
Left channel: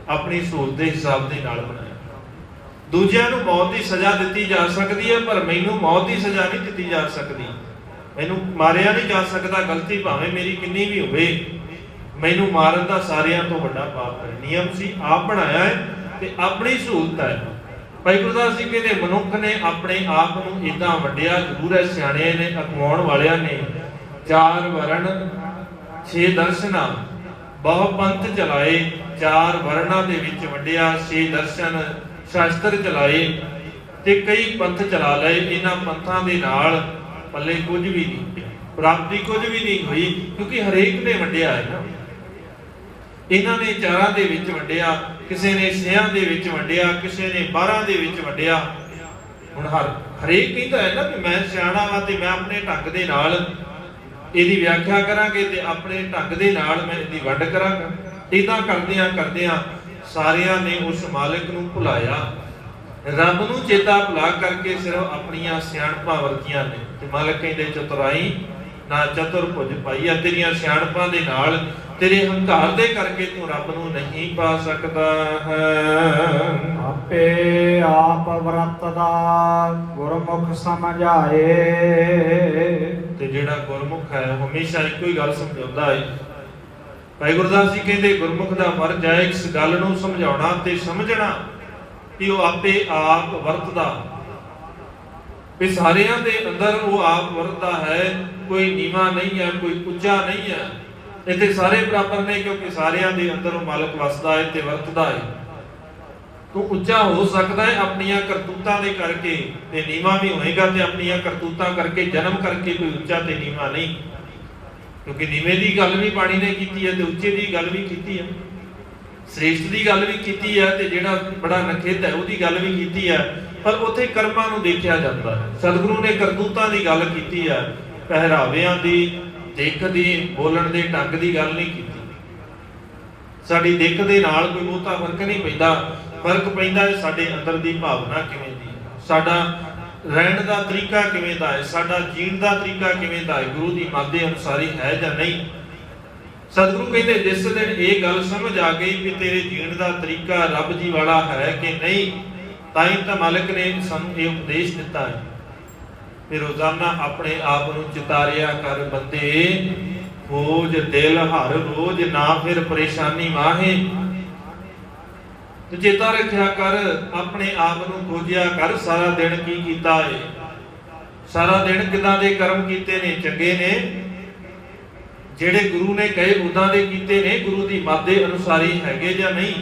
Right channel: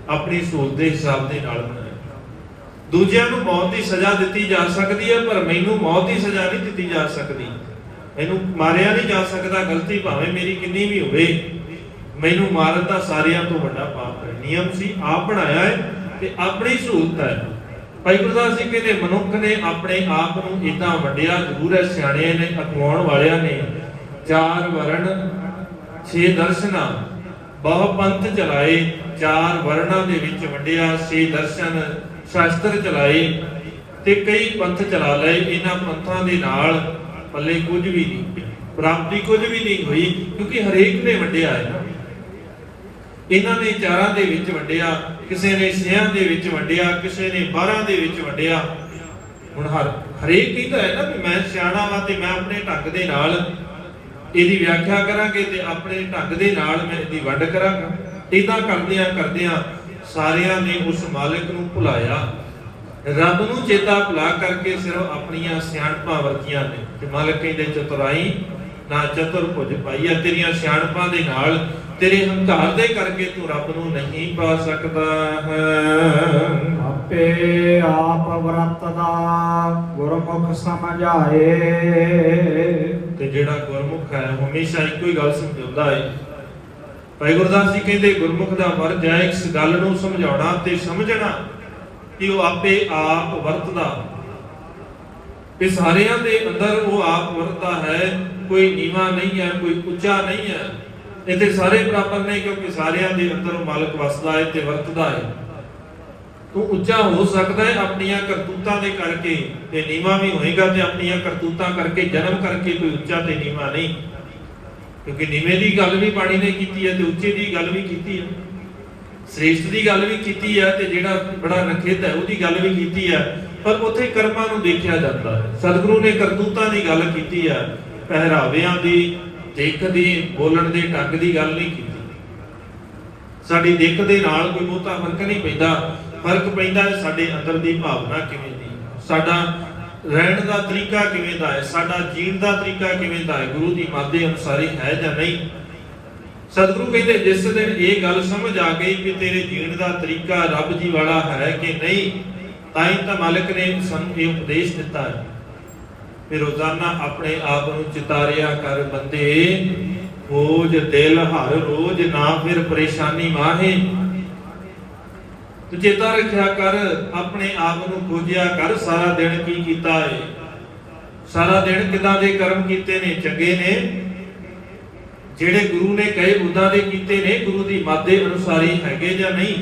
ਆਪਣੀ ਸੋਚ ਦੇ ਹਿਸਾਬ ਦੇ ਨਾਲ ਬਣਾਇਆ। ਦੂਜਿਆਂ ਨੂੰ ਮੌਤ ਦੀ ਸਜ਼ਾ ਦਿੱਤੀ ਜਾ ਸਕਦੀ ਹੈ ਪਰ ਮੈਨੂੰ ਮੌਤ ਦੀ ਸਜ਼ਾ ਨਹੀਂ ਦਿੱਤੀ ਜਾ ਸਕਦੀ। ਮੈਨੂੰ ਮਾਰਿਆ ਨਹੀਂ ਜਾ ਸਕਦਾ, ਗਲਤੀ ਭਾਵੇਂ ਮੇਰੀ ਕਿੰਨੀ ਵੀ ਹੋਵੇ, ਮੈਨੂੰ ਮਾਰਨ ਦਾ ਸਾਰਿਆਂ ਤੋਂ ਵੱਡਾ ਪਾਪ ਹੈ। ਨਿਯਮ ਸੀ, ਆਪ ਬਣਾਇਆ ਹੈ ਤੇ ਆਪਣੀ ਸਹੂਲਤ ਹੈ। ਭਾਈ ਗੁਰਦਾਸ ਜੀ ਕਹਿੰਦੇ ਮਨੁੱਖ ਨੇ ਆਪਣੇ ਆਪ ਨੂੰ ਇਦਾਂ ਵੰਡਿਆ ਜ਼ਰੂਰ ਹੈ। ਸਿਆਣਿਆਂ ਨੇ, ਅਖਵਾਉਣ ਵਾਲਿਆਂ ਨੇ 4 ਵਰਨ 6 ਦਰਸ਼ਨਾਂ ਬਹੁ ਪੰਥ ਚਲਾਏ। 4 ਵਰਨਾਂ ਦੇ ਵਿੱਚ ਵੰਡਿਆ, 6 ਦਰਸ਼ਨ ਸ਼ਾਸਤਰ ਚਲਾਏ ਤੇ ਕਈ ਪੰਥ ਚਲਾ ਲਏ। ਇਹਨਾਂ ਪੰਥਾਂ ਦੇ ਨਾਲ ਪੱਲੇ ਕੁਝ ਵੀ ਨਹੀਂ, ਪ੍ਰਾਪਤੀ ਕੁਝ ਵੀ ਨਹੀਂ ਹੋਈ ਕਿਉਂਕਿ ਹਰੇਕ ਨੇ ਵੰਡਿਆ ਹੈ। ਇਹਨਾਂ ਨੇ 4 ਦੇ ਵਿੱਚ ਵੰਡਿਆ। ਕਿਸੇ ਨੇ 6 ਦੇ ਵਿੱਚ ਵੰਡਿਆ, ਕਿਸੇ ਨੇ 12 ਦੇ ਵਿੱਚ ਵੰਡਿਆ। ਹੁਣ ਹਰੇਕ ਕਹਿੰਦਾ ਹੈ ਨਾ ਕਿ ਮੈਂ ਸਿਆਣਾ ਵਾਂ ਤੇ ਮੈਂ ਆਪਣੇ ਢੰਗ ਦੇ ਨਾਲ ਇਹਦੀ ਵਿਆਖਿਆ ਕਰਾਂਗੇ ਤੇ ਆਪਣੇ ਢੰਗ ਦੇ ਨਾਲ ਮੈਂ ਇਹਦੀ ਵੰਡ ਕਰਾਂਗਾ। ਇਦਾਂ ਕਰਦਿਆਂ ਸਾਰਿਆਂ ਨੇ ਉਸ ਮਾਲਕ ਨੂੰ ਭੁਲਾਇਆ, ਰੱਬ ਨੂੰ ਚੇਤਾ ਭੁਲਾ ਕਰਕੇ ਸਿਰਫ ਆਪਣੀਆਂ ਸਿਆਣਪਾਂ ਵਰਤੀਆਂ ਨੇ। ਤੇ ਮਾਲਕ ਕਹਿੰਦੇ ਚਤੁਰਾਈ ਨਾ ਚਤੁਰਭੁਜ ਪਾਈਆ, ਤੇਰੀਆਂ ਸਿਆਣਪਾਂ ਦੇ ਨਾਲ, ਤੇਰੇ ਹੰਕਾਰ ਦੇ ਕਰਕੇ ਤੂੰ ਰੱਬ ਨੂੰ ਨਹੀਂ ਪਾ ਸਕਦਾ ਹੈ। ਆਪੇ ਆਪ ਵਰਤਦਾ ਗੁਰਮੁਖ ਸਮਝਾਏ। ਤੇ ਜਿਹੜਾ ਗੁਰਮੁਖ ਹੈ ਹਮੇਸ਼ਾ ਇੱਕੋ ਹੀ ਗੱਲ ਸਮਝਾਉਂਦਾ ਹੈ। ਭਾਈ ਗੁਰਦਾਸ ਜੀ ਕਹਿੰਦੇ ਗੁਰਮੁਖ ਦਾ ਫਰਜ਼ ਹੈ ਇਸ ਗੱਲ ਨੂੰ ਸਮਝਾਉਣਾ ਤੇ ਸਮਝਣਾ ਕਿ ਉਹ ਆਪੇ ਆਪ ਵਰਤਦਾ, ਵੀ ਸਾਰਿਆਂ ਦੇ ਅੰਦਰ ਉਹ ਆਪ ਵਰਤਦਾ ਹੈ। ਕੋਈ ਨੀਵਾਂ ਨਹੀਂ ਹੈ, ਕੋਈ ਉੱਚਾ ਨਹੀਂ ਹੈ, ਇੱਥੇ ਸਾਰੇ ਬਰਾਬਰ ਨੇ, ਕਿਉਂਕਿ ਸਾਰਿਆਂ ਦੇ ਅੰਦਰ ਉਹ ਮਾਲਕ ਵਸਦਾ ਹੈ ਤੇ ਵਰਤਦਾ ਹੈ। ਤੂੰ ਉੱਚਾ ਹੋ ਸਕਦਾ ਹੈ ਆਪਣੀਆਂ ਕਰਤੂਤਾਂ ਦੇ ਕਰਕੇ, ਤੇ ਨੀਵਾਂ ਵੀ ਹੋਏਗਾ ਤੇ ਆਪਣੀਆਂ ਕਰਤੂਤਾਂ ਕਰਕੇ, ਜਨਮ ਕਰਕੇ। ਕੋਈ ਉੱਚਾ ਤੇ ਨੀਵਾਂ ਨਹੀਂ, ਕਿਉਂਕਿ ਨੀਵੇਂ ਦੀ ਗੱਲ ਵੀ ਬਾਣੀ ਨੇ ਕੀਤੀ ਹੈ ਤੇ ਉੱਚੇ ਦੀ ਗੱਲ ਵੀ ਕੀਤੀ ਹੈ, ਸ੍ਰੇਸ਼ਟ ਦੀ ਗੱਲ ਵੀ ਕੀਤੀ ਹੈ ਤੇ ਜਿਹੜਾ ਬੜਾ ਨਖਿੱਧ ਹੈ ਉਹਦੀ ਗੱਲ ਵੀ ਕੀਤੀ ਹੈ। ਪਰ ਉੱਥੇ ਕਰਮਾਂ ਨੂੰ ਦੇਖਿਆ ਜਾਂਦਾ ਹੈ। ਸਤਿਗੁਰੂ ਨੇ ਕਰਤੂਤਾਂ ਦੀ ਗੱਲ ਕੀਤੀ ਹੈ, ਪਹਿਰਾਵਿਆਂ ਦੀ, ਦਿੱਖ ਦੀ, ਬੋਲਣ ਦੇ ਢੰਗ ਦੀ ਗੱਲ ਨਹੀਂ ਕੀਤੀ। ਸਾਡੀ ਦਿੱਖ ਦੇ ਨਾਲ ਕੋਈ ਬਹੁਤਾ ਫਰਕ ਨਹੀਂ ਪੈਂਦਾ। ਫਰਕ ਪੈਂਦਾ ਹੈ ਸਾਡੇ ਅੰਦਰ ਦੀ ਭਾਵਨਾ ਕਿਵੇਂ ਦੀ, ਸਾਡਾ ਰਹਿਣ ਦਾ ਤਰੀਕਾ ਕਿਵੇਂ ਦਾ ਹੈ, ਸਾਡਾ ਜੀਣ ਦਾ ਤਰੀਕਾ ਕਿਵੇਂ ਦਾ ਹੈ, ਗੁਰੂ ਦੀ ਮੱਤ ਦੇ ਅਨੁਸਾਰ ਹੀ ਹੈ ਜਾਂ ਨਹੀਂ। ਸਤਿਗੁਰੂ ਕਹਿੰਦੇ ਜਿਸ ਦਿਨ ਇਹ ਗੱਲ ਸਮਝ ਆ ਗਈ ਕਿ ਤੇਰੇ ਜੀਣ ਦਾ ਤਰੀਕਾ ਰੱਬ ਜੀ ਵਾਲਾ ਹੈ ਕਿ ਨਹੀਂ, ਤਾਂ ਹੀ ਤਾਂ ਮਾਲਕ ਨੇ ਸਾਨੂੰ ਇਹ ਉਪਦੇਸ਼ ਦਿੱਤਾ ਹੈ। ਫਿਰ ਰੋਜ਼ਾਨਾ ਆਪਣੇ ਆਪ ਨੂੰ ਚਿਤਾਰਿਆ ਕਰ ਬੰਦੇ, ਖੋਜ ਦਿਲ ਹਰ ਰੋਜ਼, ਨਾ ਫਿਰ ਪਰੇਸ਼ਾਨੀ ਮਾਹੇ। ਤੂੰ ਚੇਤਾ ਰੱਖਿਆ ਕਰ, ਆਪਣੇ ਆਪ ਨੂੰ ਖੋਜਿਆ ਕਰ, ਸਾਰਾ ਦਿਨ ਕੀ ਕੀਤਾ ਹੈ, ਸਾਰਾ ਦਿਨ ਕਿਦਾਂ ਦੇ ਕਰਮ ਕੀਤੇ ਨੇ, ਚੰਗੇ ਨੇ, ਜਿਹੜੇ ਗੁਰੂ ਨੇ ਕਹੇ ਉਦਾਂ ਦੇ ਕੀਤੇ ਨੇ, ਗੁਰੂ ਦੀ ਮੱਤ ਦੇ ਅਨੁਸਾਰ ਹੀ ਹੈਗੇ ਜਾਂ ਨਹੀਂ।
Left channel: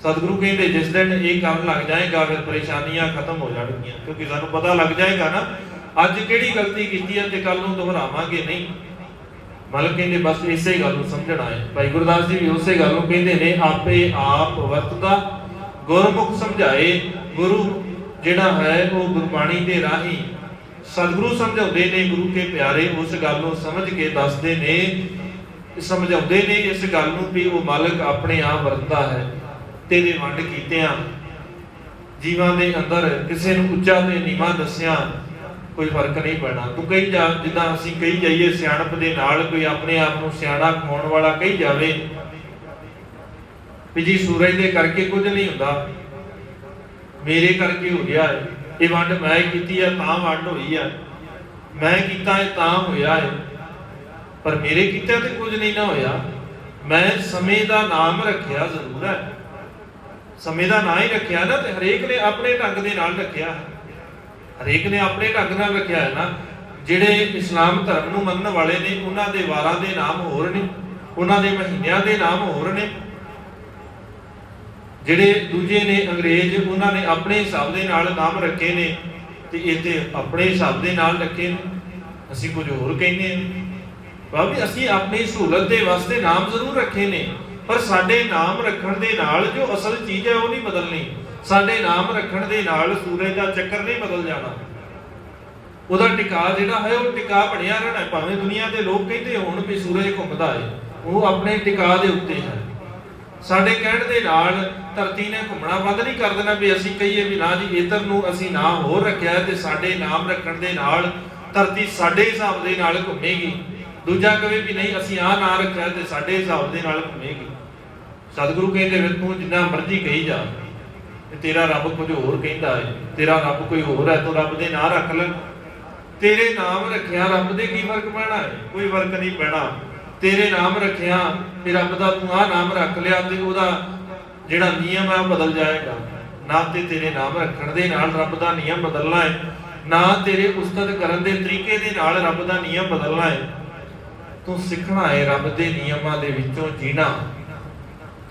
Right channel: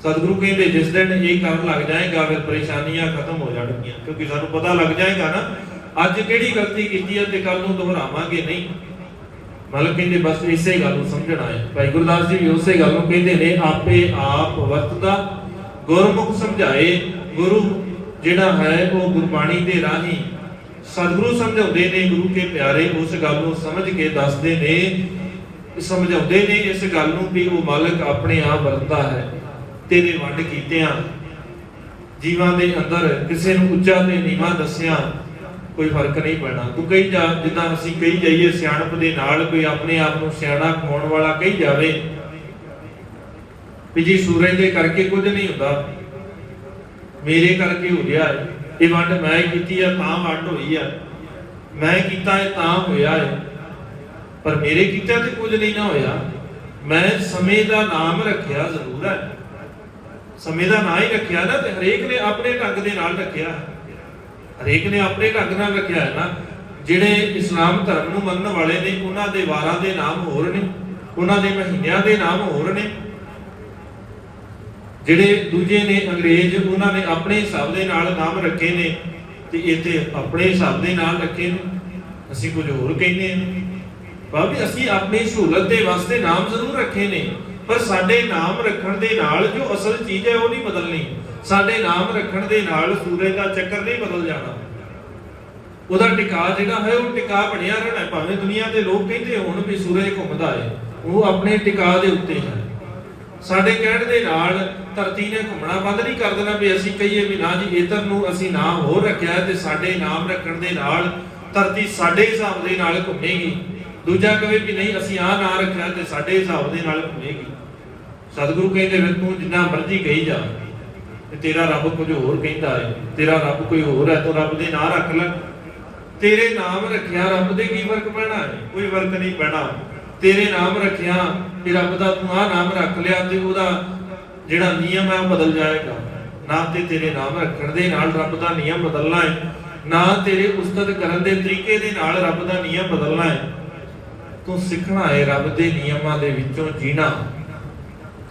ਸਤਿਗੁਰੂ ਕਹਿੰਦੇ ਜਿਸ ਦਿਨ ਇਹ ਕਰਨ ਲੱਗ ਜਾਏਗਾ ਫਿਰ ਪਰੇਸ਼ਾਨੀਆਂ ਖਤਮ ਹੋ ਜਾਣਗੀਆਂ, ਕਿਉਂਕਿ ਸਾਨੂੰ ਪਤਾ ਲੱਗ ਜਾਏਗਾ ਨਾ ਅੱਜ ਕਿਹੜੀ ਗਲਤੀ ਕੀਤੀ ਹੈ ਤੇ ਕੱਲ ਨੂੰ ਦੁਹਰਾਵਾਂਗੇ ਨਹੀਂ। ਮਤਲਬ ਕਹਿੰਦੇ ਬਸ ਇਸੇ ਗੱਲ ਨੂੰ ਸਮਝਣਾ ਹੈ। ਭਾਈ ਗੁਰਦਾਸ ਜੀ ਵੀ ਉਸੇ ਗੱਲ ਨੂੰ ਕਹਿੰਦੇ ਨੇ, ਆਪੇ ਆਪ ਵਰਤਦਾ ਗੁਰਮੁਖ ਸਮਝਾਏ। ਗੁਰੂ ਜਿਹੜਾ ਹੈ ਉਹ ਗੁਰਬਾਣੀ ਦੇ ਰਾਹੀਂ ਸਤਿਗੁਰੂ ਸਮਝਾਉਂਦੇ ਨੇ, ਗੁਰੂ ਕੇ ਪਿਆਰੇ ਉਸ ਗੱਲ ਨੂੰ ਸਮਝ ਕੇ ਦੱਸਦੇ ਨੇ, ਸਮਝਾਉਂਦੇ ਨੇ ਇਸ ਗੱਲ ਨੂੰ ਵੀ ਉਹ ਮਾਲਕ ਆਪਣੇ ਆਪ ਵਰਤਦਾ ਹੈ। ਤੇਰੇ ਵੰਡ ਕੀਤਿਆਂ ਜੀਵਾਂ ਦੇ ਅੰਦਰ ਕਿਸੇ ਨੂੰ ਉੱਚਾ ਤੇ ਨੀਵਾਂ ਦੱਸਿਆ ਕੋਈ ਫਰਕ ਨਹੀਂ ਪੈਣਾ। ਤੂੰ ਕਹੀ ਜਾ, ਜਿੱਦਾਂ ਅਸੀਂ ਕਹੀ ਜਾਈਏ ਸਿਆਣਪ ਦੇ ਨਾਲ, ਕੋਈ ਆਪਣੇ ਆਪ ਨੂੰ ਸਿਆਣਾ ਕਹਾਉਣ ਵਾਲਾ ਕਹੀ ਜਾਵੇ ਵੀ ਜੀ ਸੂਰਜ ਦੇ ਕਰਕੇ ਕੁਝ ਨਹੀਂ ਹੁੰਦਾ, ਮੇਰੇ ਕਰਕੇ ਹੋ ਰਿਹਾ ਹੈ, ਇਹ ਵੰਡ ਮੈਂ ਕੀਤੀ ਹੈ ਤਾਂ ਵੰਡ ਹੋਈ ਹੈ, ਮੈਂ ਕੀਤਾ ਹੈ ਤਾਂ ਹੋਇਆ ਹੈ, ਪਰ ਮੇਰੇ ਕੀਤਾ ਤੇ ਕੁਝ ਨਹੀਂ ਨਾ ਹੋਇਆ। ਮੈਂ ਸਮੇਂ ਦਾ ਨਾਮ ਰੱਖਿਆ ਜ਼ਰੂਰ ਹੈ, ਸਮੇਂ ਦਾ ਨਾਂ ਹੀ ਰੱਖਿਆ ਨਾ, ਤੇ ਹਰੇਕ ਨੇ ਆਪਣੇ ਢੰਗ ਦੇ ਨਾਲ ਰੱਖਿਆ, ਹਰੇਕ ਨੇ ਆਪਣੇ ਢੰਗ ਨਾਲ ਰੱਖਿਆ ਹੈ ਨਾ। ਜਿਹੜੇ ਇਸਲਾਮ ਧਰਮ ਨੂੰ ਮੰਨਣ ਵਾਲੇ ਨੇ ਉਹਨਾਂ ਦੇ ਵਾਰਾਂ ਦੇ ਨਾਮ ਹੋਰ ਨੇ, ਉਹਨਾਂ ਦੇ ਮਹੀਨਿਆਂ ਦੇ ਨਾਮ ਹੋਰ ਨੇ। ਜਿਹੜੇ ਦੂਜੇ ਨੇ ਅੰਗਰੇਜ਼, ਉਹਨਾਂ ਨੇ ਆਪਣੇ ਹਿਸਾਬ ਦੇ ਨਾਲ ਨਾਮ ਰੱਖੇ ਨੇ ਤੇ ਇੱਥੇ ਆਪਣੇ ਹਿਸਾਬ ਦੇ ਨਾਲ ਰੱਖੇ ਨੇ, ਅਸੀਂ ਕੁਝ ਹੋਰ ਕਹਿੰਦੇ ਹਾਂ। ਬਾਬੇ ਅਸੀਂ ਆਪਣੀ ਸਹੂਲਤ ਦੇ ਵਾਸਤੇ ਨਾਮ ਜ਼ਰੂਰ ਰੱਖੇ ਨੇ, ਪਰ ਸਾਡੇ ਨਾਮ ਰੱਖਣ ਦੇ ਨਾਲ ਜੋ ਅਸਲ ਚੀਜ਼ ਹੈ ਉਹ ਨਹੀਂ ਬਦਲਣੀ। ਸਾਡੇ ਨਾਮ ਰੱਖਣ ਦੇ ਨਾਲ ਸੂਰਜ ਦਾ ਚੱਕਰ ਨਹੀਂ ਬਦਲ ਜਾਣਾ, ਉਹਦਾ ਟਿਕਾ ਜਿਹੜਾ ਹੈ ਉਹ ਟਿਕਾ ਬਣਿਆ ਰਹਿਣਾ। ਭਾਵੇਂ ਦੁਨੀਆ ਦੇ ਲੋਕ ਕਹਿੰਦੇ ਹੋਣ ਵੀ ਸੂਰਜ ਘੁੰਮਦਾ ਹੈ, ਉਹ ਆਪਣੇ ਟਿਕਾ ਦੇ ਉੱਤੇ ਹੈ। ਸਾਡੇ ਕਹਿਣ ਦੇ ਨਾਲ ਧਰਤੀ ਨੇ ਘੁੰਮਣਾ ਬੰਦ ਨਹੀਂ ਕਰ ਦੇਣਾ ਵੀ ਅਸੀਂ ਕਹੀਏ ਵੀ ਨਾ ਜੀ ਇੱਧਰ ਨੂੰ ਅਸੀਂ ਨਾਮ ਹੋਰ ਰੱਖਿਆ ਤੇ ਸਾਡੇ ਨਾਮ ਰੱਖਣ ਦੇ ਨਾਲ ਧਰਤੀ ਸਾਡੇ ਹਿਸਾਬ ਦੇ ਨਾਲ ਘੁੰਮੇਗੀ। ਦੂਜਾ ਕਵੇ ਵੀ ਨਹੀਂ ਅਸੀਂ ਆਹ ਨਾਂ ਰੱਖਿਆ ਤੇ ਸਾਡੇ ਹਿਸਾਬ ਦੇ ਨਾਲ ਘੁੰਮੇਗੀ। ਸਤਿਗੁਰੂ ਕਹਿੰਦੇ ਵੀ ਤੂੰ ਜਿੰਨਾ ਮਰਜ਼ੀ ਕਹੀ ਜਾ, ਤੇ ਤੇਰਾ ਰੱਬ ਕੁਝ ਹੋਰ ਕਹਿੰਦਾ ਹੈ, ਤੇਰਾ ਰੱਬ ਕੋਈ ਹੋਰ ਹੈ, ਤੂੰ ਰੱਬ ਦੇ ਨਾਂ ਰੱਖ ਲੈ। ਤੇਰੇ ਨਾਮ ਰੱਖਿਆ ਰੱਬ ਦੇ ਕੀ ਫਰਕ ਪੈਣਾ ਹੈ? ਕੋਈ ਫਰਕ ਨਹੀਂ ਪੈਣਾ। ਤੇਰੇ ਨਾਮ ਰੱਖਿਆ ਤੇ ਰੱਬ ਦਾ ਤੂੰ ਆਹ ਨਾਮ ਰੱਖ ਲਿਆ ਤੇ ਉਹਦਾ ਜਿਹੜਾ ਨਿਯਮ ਹੈ ਉਹ ਬਦਲ ਜਾਏਗਾ। ਨਾ ਤੇ ਤੇਰੇ ਨਾਮ ਰੱਖਣ ਦੇ ਨਾਲ ਰੱਬ ਦਾ ਨਿਯਮ ਬਦਲਣਾ ਹੈ, ਨਾ ਤੇਰੇ ਉਸਤਤ ਕਰਨ ਦੇ ਤਰੀਕੇ ਦੇ ਨਾਲ ਰੱਬ ਦਾ ਨਿਯਮ ਬਦਲਣਾ ਹੈ। ਤੂੰ ਸਿੱਖਣਾ ਹੈ ਰੱਬ ਦੇ ਨਿਯਮਾਂ ਦੇ ਵਿੱਚੋਂ ਜੀਣਾ।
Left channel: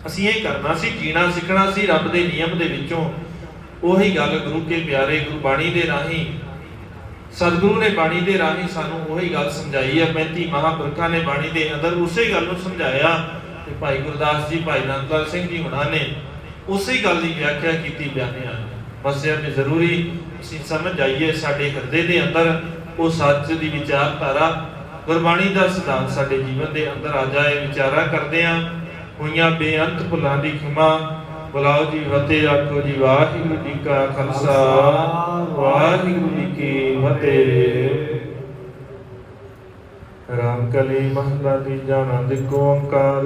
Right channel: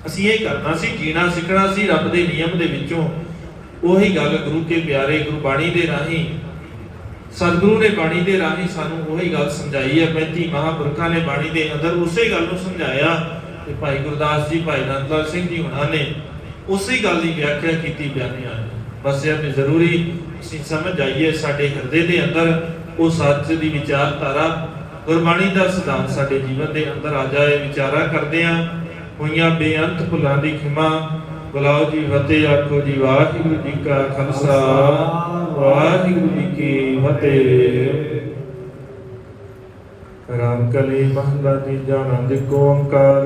ਅਸੀਂ ਇਹ ਕਰਨਾ ਸੀ, ਜੀਣਾ ਸਿੱਖਣਾ ਸੀ ਰੱਬ ਦੇ ਨਿਯਮ ਦੇ ਵਿੱਚੋਂ। ਉਹੀ ਗੱਲ ਗੁਰੂ ਕੇ ਪਿਆਰੇ ਗੁਰਬਾਣੀ ਦੇ ਰਾਹੀਂ, ਸਤਿਗੁਰੂ ਨੇ ਬਾਣੀ ਦੇ ਰਾਹੀਂ ਸਾਨੂੰ ਉਹੀ ਗੱਲ ਸਮਝਾਈ ਹੈ। 35 ਮਹਾਂਪੁਰਖਾਂ ਨੇ ਬਾਣੀ ਦੇ ਅੰਦਰ ਉਸੇ ਗੱਲ ਨੂੰ ਸਮਝਾਇਆ। ਤੇ ਭਾਈ ਗੁਰਦਾਸ ਜੀ, ਭਾਈ ਨੰਦ ਲਾਲ ਸਿੰਘ ਜੀ ਹੁਣਾਂ ਨੇ ਉਸੇ ਗੱਲ ਦੀ ਵਿਆਖਿਆ ਕੀਤੀ ਬਿਆਨੇ ਆ। ਬਸ ਇਹ ਵੀ ਜ਼ਰੂਰੀ ਅਸੀਂ ਸਮਝ ਜਾਈਏ, ਸਾਡੇ ਹਿਰਦੇ ਦੇ ਅੰਦਰ ਉਹ ਸੱਚ ਦੀ ਵਿਚਾਰਧਾਰਾ, ਗੁਰਬਾਣੀ ਦਾ ਸਿਧਾਂਤ ਸਾਡੇ ਜੀਵਨ ਦੇ ਅੰਦਰ ਆ ਜਾਏ। ਵਿਚਾਰਾ ਕਰਦੇ ਆ ਹੋਈਆਂ ਬੇਅੰਤ ਭੁੱਲਾਂ ਦੀ ਖਿਮਾ। ਬੁਲਾਓ ਜੀ ਫਤਿਹ, ਆਖੋ ਜੀ ਵਾਹਿਗੁਰੂ ਜੀ ਕਾ ਖਾਲਸਾ, ਵਾਹਿਗੁਰੂ ਜੀ ਕੀ ਫਤਿਹ। ਰਾਮ ਕਲੀ ਮਹਲਾ ਤੀਜਾ, ਆਨੰਦ ਓੰਕਾਰ।